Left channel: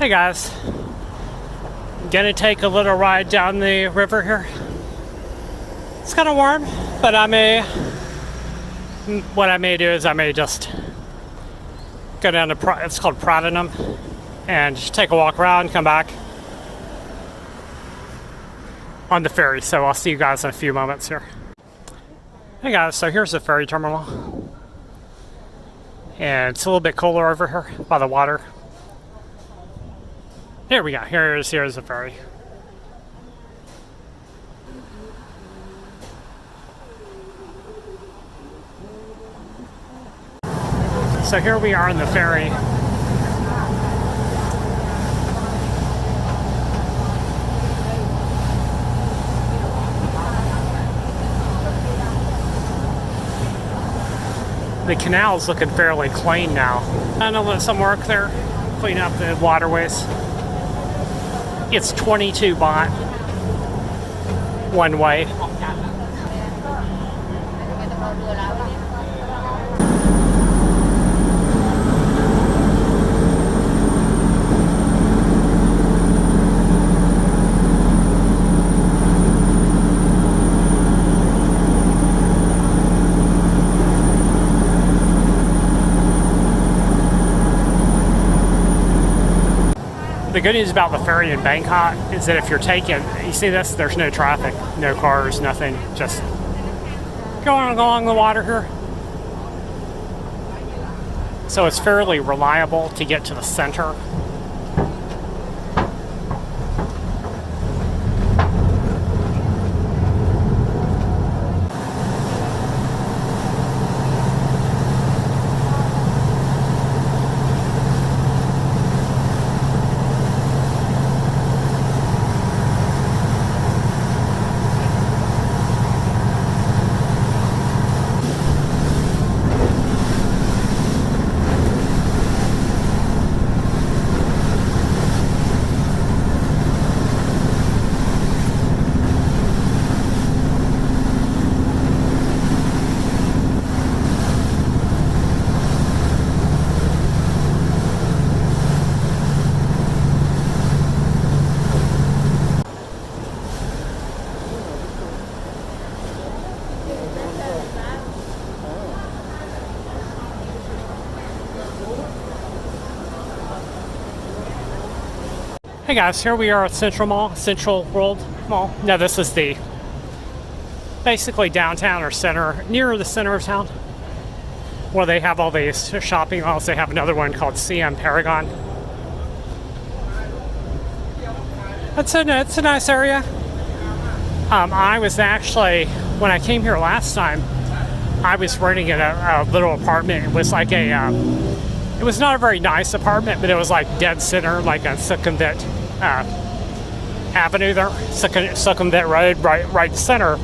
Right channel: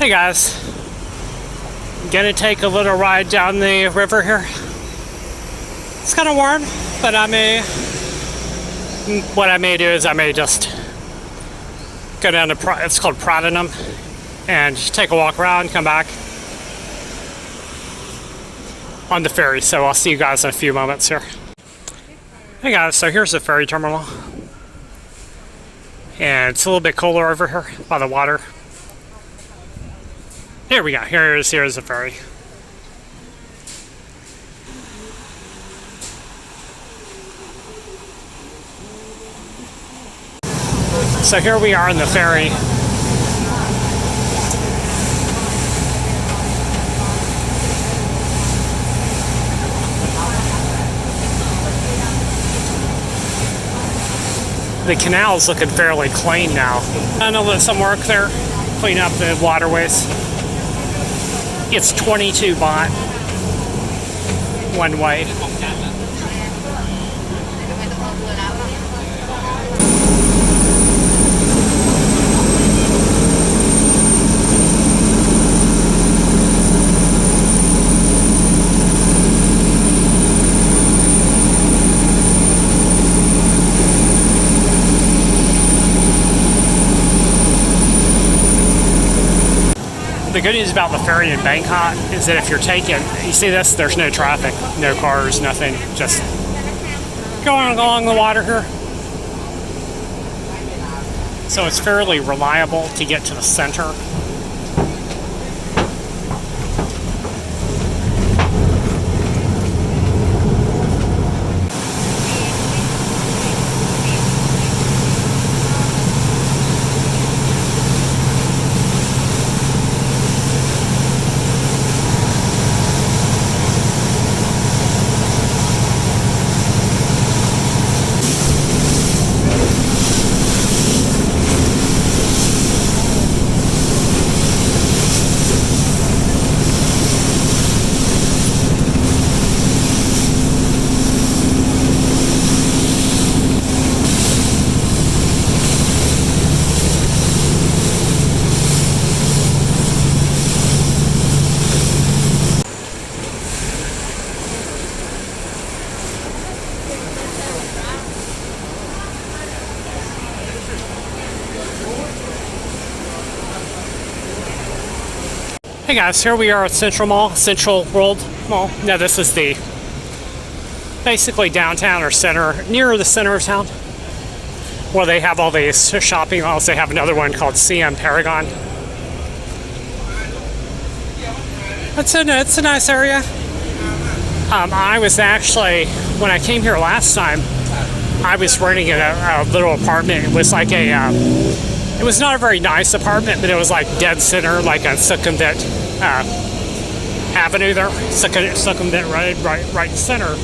Hey guys, I'm gonna take a little ride down the river here. It's kind of warm, but what I may do is I may just go down to, it's called Pratanum, and just take a walk around, come back on the ferry. So I'll see you guys in a few moments here. Hey guys, so here's the ferry terminal. And it's a little bit cooler over here by the water. Here we go. Here's the ferry. So here we are in the ferry. The canal's looking fairly clean now. I know there's some work there, clean up the waterways. It's 22 baht one way. The good news about the ferry in Bangkok is that if you're taking, you see this, there's no traffic, no cars, nothing, just going along the water here. So it's fairly reliable to get to the center. Hey guys, here we are at Central World Mall. Now this is the basically downtown or center, near the center of town, where they have all these shopping malls. They have another one called CM Paragon. It's a nice area. I was actually, when I came here last time, I was renting a little apartment. It was like it was not a very nice apartment, but it was like dead center, like on Sukhumvit Avenue there, Sukhumvit Road, right center.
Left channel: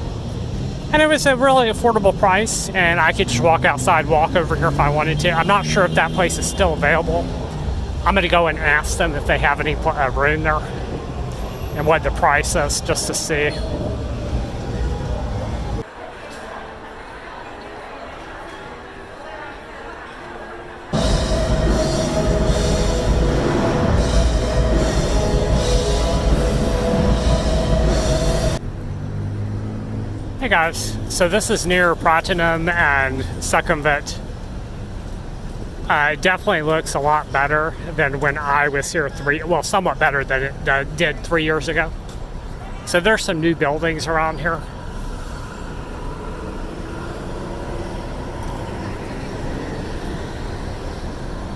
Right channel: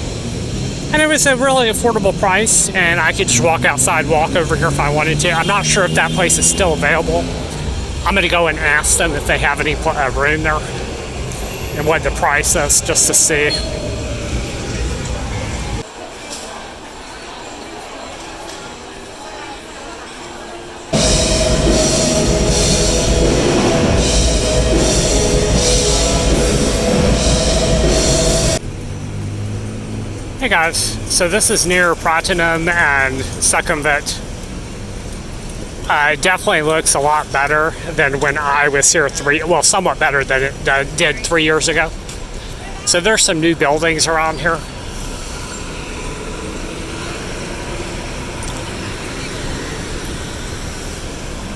And it was a really affordable price, and I could just walk outside, walk over here if I wanted to. I'm not sure if that place is still available. I'm going to go and ask them if they have any room there and what the price is, just to see. Hey guys, so this is near Pratanum and Sukhumvit. It definitely looks a lot better than when I was here somewhat better than it did 3 years ago. So there's some new buildings around here.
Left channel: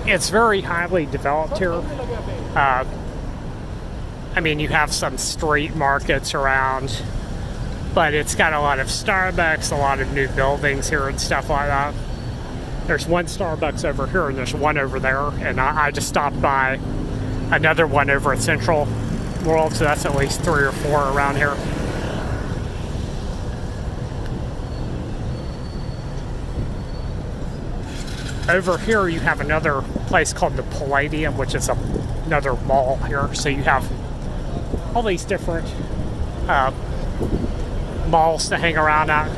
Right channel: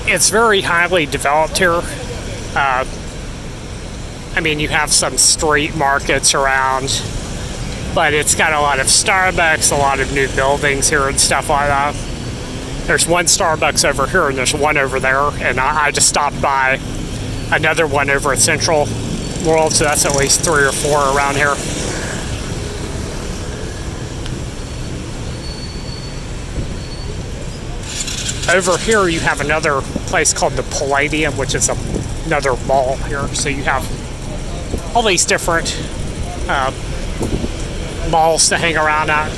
It's very highly developed here. I mean, you have some street markets around, but it's got a lot of Starbucks, a lot of new buildings here and stuff like that. There's one Starbucks over here and there's one over there, and I just stopped by another one over at Central World, so that's at least 3 or 4 around here. Over here you have another place called the Palladium, which is another mall here. So you have all these different malls to hang around at.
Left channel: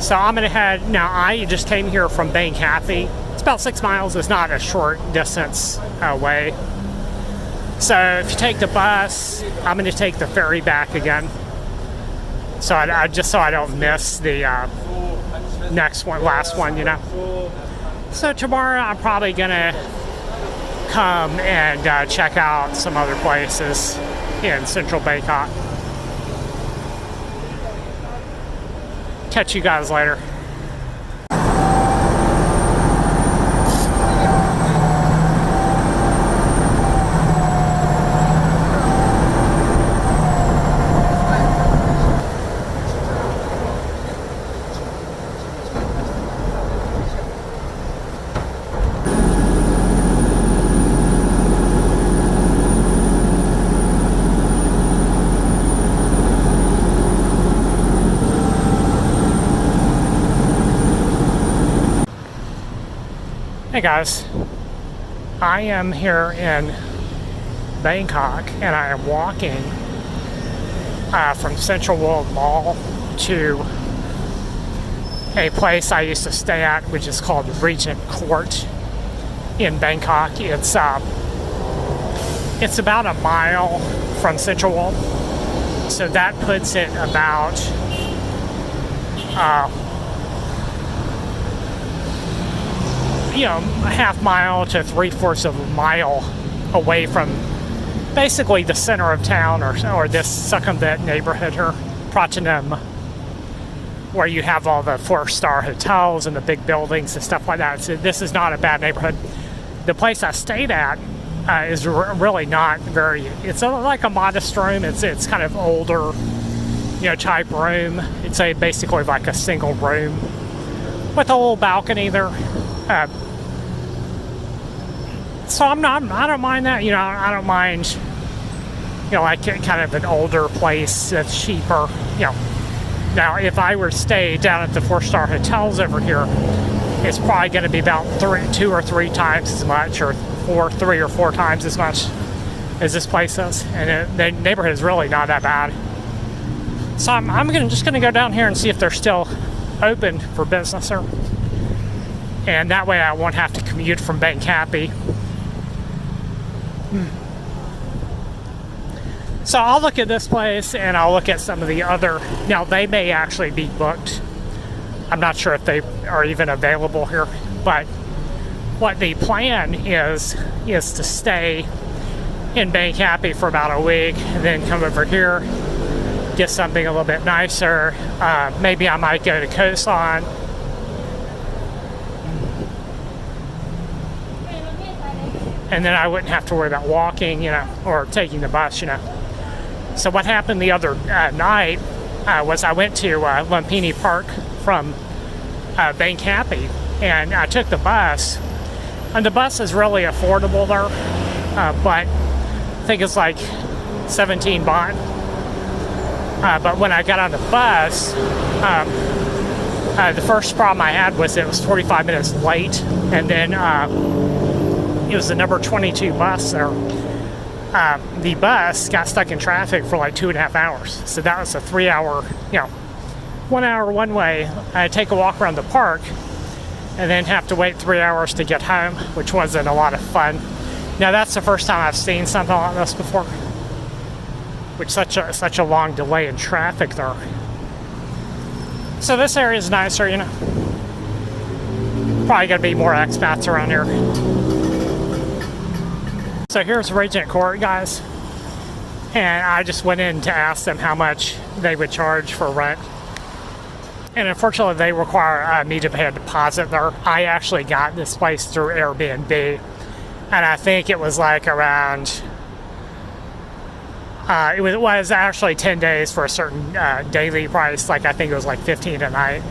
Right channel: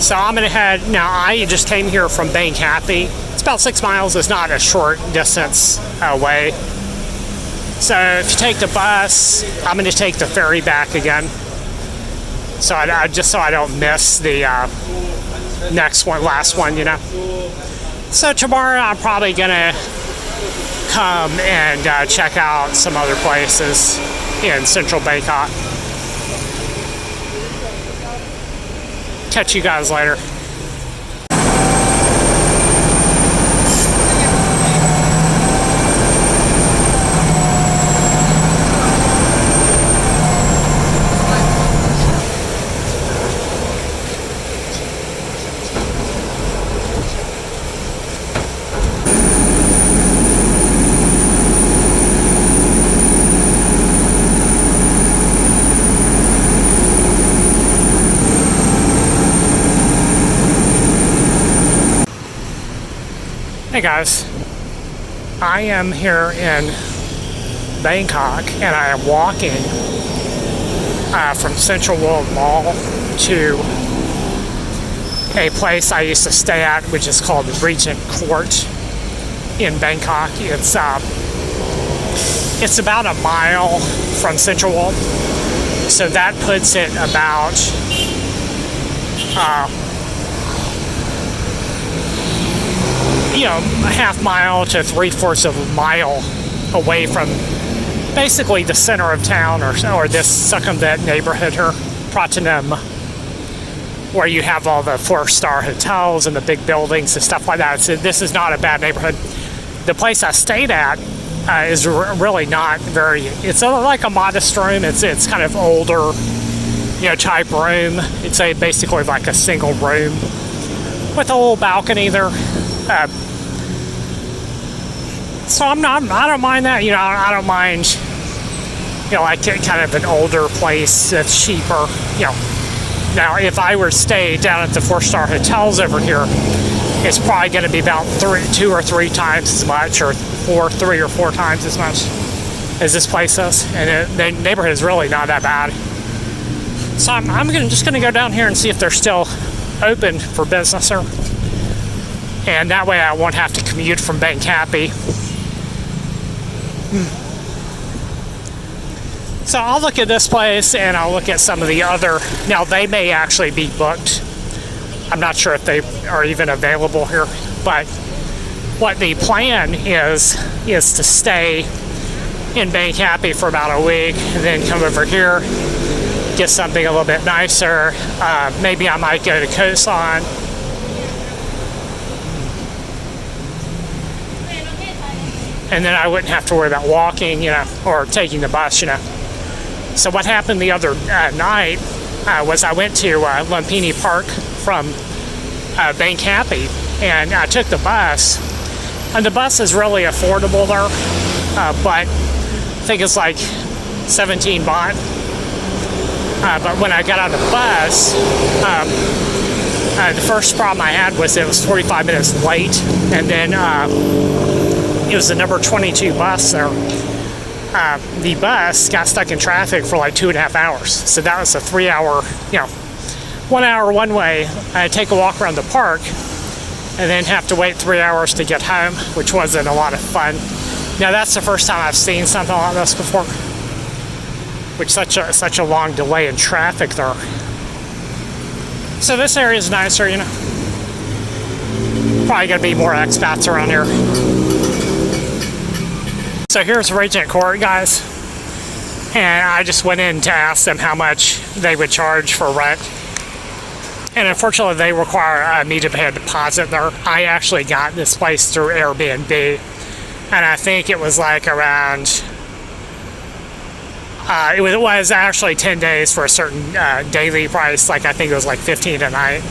So I'm gonna head, now I just came here from Bangkapi. It's about 6 miles, it's not a short distance away. So if you take the bus, I'm gonna take the ferry back again. So just so I don't miss the last one, you know. So tomorrow I'm probably gonna come and check out some other places in central Bangkok. Catch you guys later. Hey guys, I am here in Bangkok and I am walking from Central World Mall to a place I used to stay at, which is called Regent Court in Bangkok. It's about a mile from Central World, so that puts it about a half mile to 3/4 of a mile away from basically the center of town, or this Sukhumvit neighborhood here, Pratanum, where you have all the 4-star hotels and the big buildings and stuff like that. So this is not a bad neighborhood. The place I stayed at is really not very. It's like a modest room. It's kind of older, type room. It's basically like a single room with a little balcony there. So I don't mind that. I don't mind, like kind of an older place that's cheaper. Now if I were to stay down at the 4-star hotels over here, it's probably going to be about 2 or 3 times as much, or 3 or 4 times as much as this place is. And the neighborhood is really not that bad. So I'm just going to go down here and see if they're still open for business here. And that way I won't have to commute from Bangkapi. So I'll look at this place and I'll look at some of the other. Now they may actually be booked. I'm not sure if they are even available here. But what the plan is to stay in Bangkapi for about a week and then come over here, get something a little bit nicer. Maybe I might go to Koh San. And then I wouldn't have to worry about walking, or taking the bus, So what happened the other night was I went to Lumpini Park from Bangkapi, and I took the bus. And the bus is really affordable there, but I think it's like 17 baht. But when I got on the bus, the first problem I had was it was 45 minutes late, and then it was the number 22 bus there. The bus got stuck in traffic for like 2.5 hours. So that was a 3-hour, 1 hour one way. I'd take a walk around the park and then have to wait 3 hours to get home, which wasn't a lot of fun. Now that's the first time I've seen something like this before, with such a long delay in traffic there. So this area is nicer, Probably gonna be more expats around here. So here's Regent Court, guys, and I just went in to ask them how much they would charge for rent, and unfortunately they require me to pay a deposit there. I actually got this place through Airbnb, and I think it was like around, it was actually 10 days for a certain daily price, like I think it was like 15 a night,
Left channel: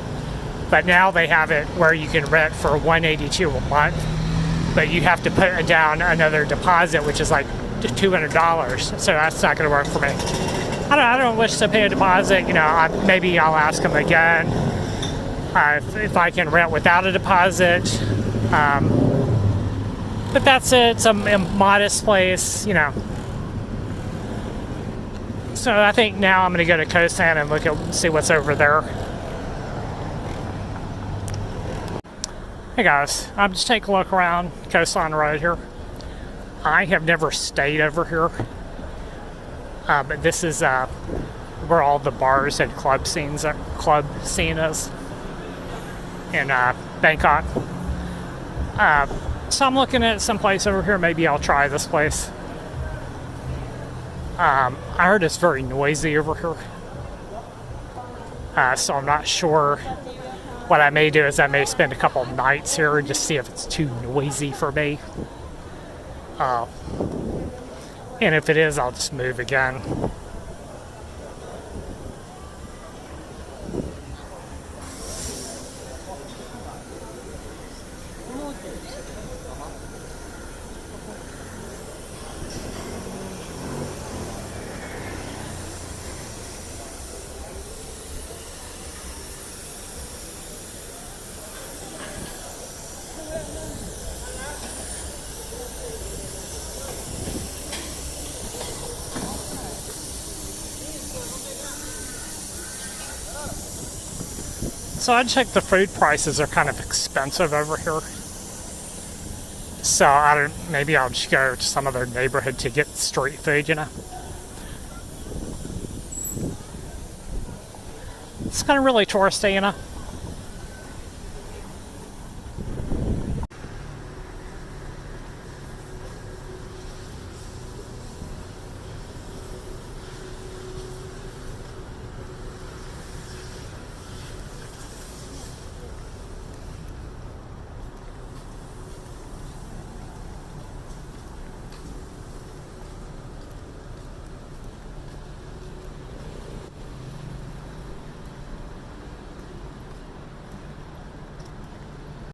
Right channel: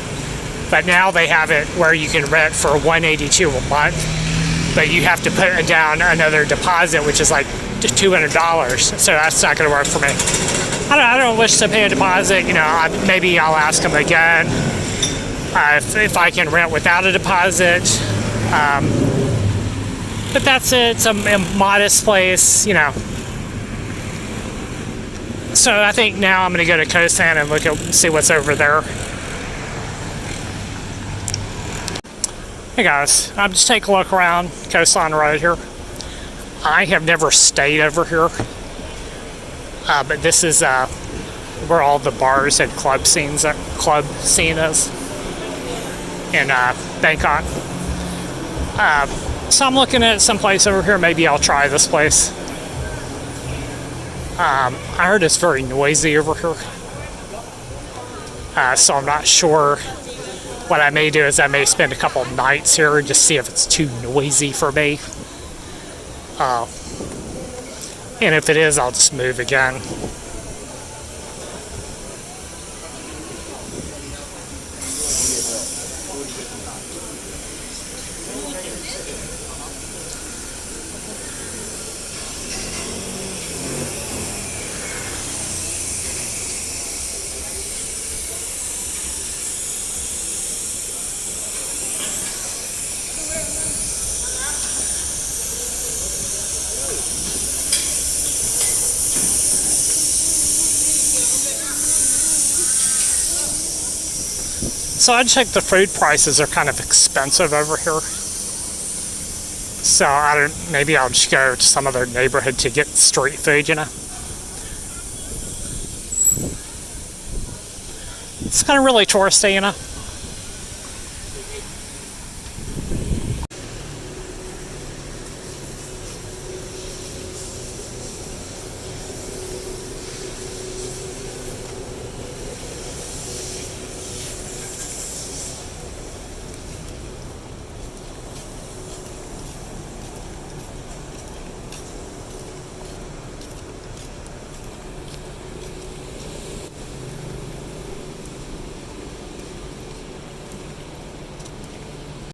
but now they have it where you can rent for $182 a month. But you have to put down another deposit, which is like $200. So that's not going to work for me. I don't wish to pay a deposit. Maybe I'll ask them again if I can rent without a deposit. But that's it. It's a modest place, So I think now I'm going to go to Koh San and see what's over there. Hey guys, I'm just taking a look around Coastline Road here. I have never stayed over here, but this is where all the bars and club scene is in Bangkok. So I'm looking at some place over here. Maybe I'll try this place. I heard it's very noisy over here, so I'm not sure. What I may do is I may spend a couple nights here and just see if it's too noisy for me. And if it is, I'll just move again. So I checked the food prices are kind of expensive over here. So maybe I'll just go to some other neighborhood to get street food, you know. It's kind of really touristy, you know.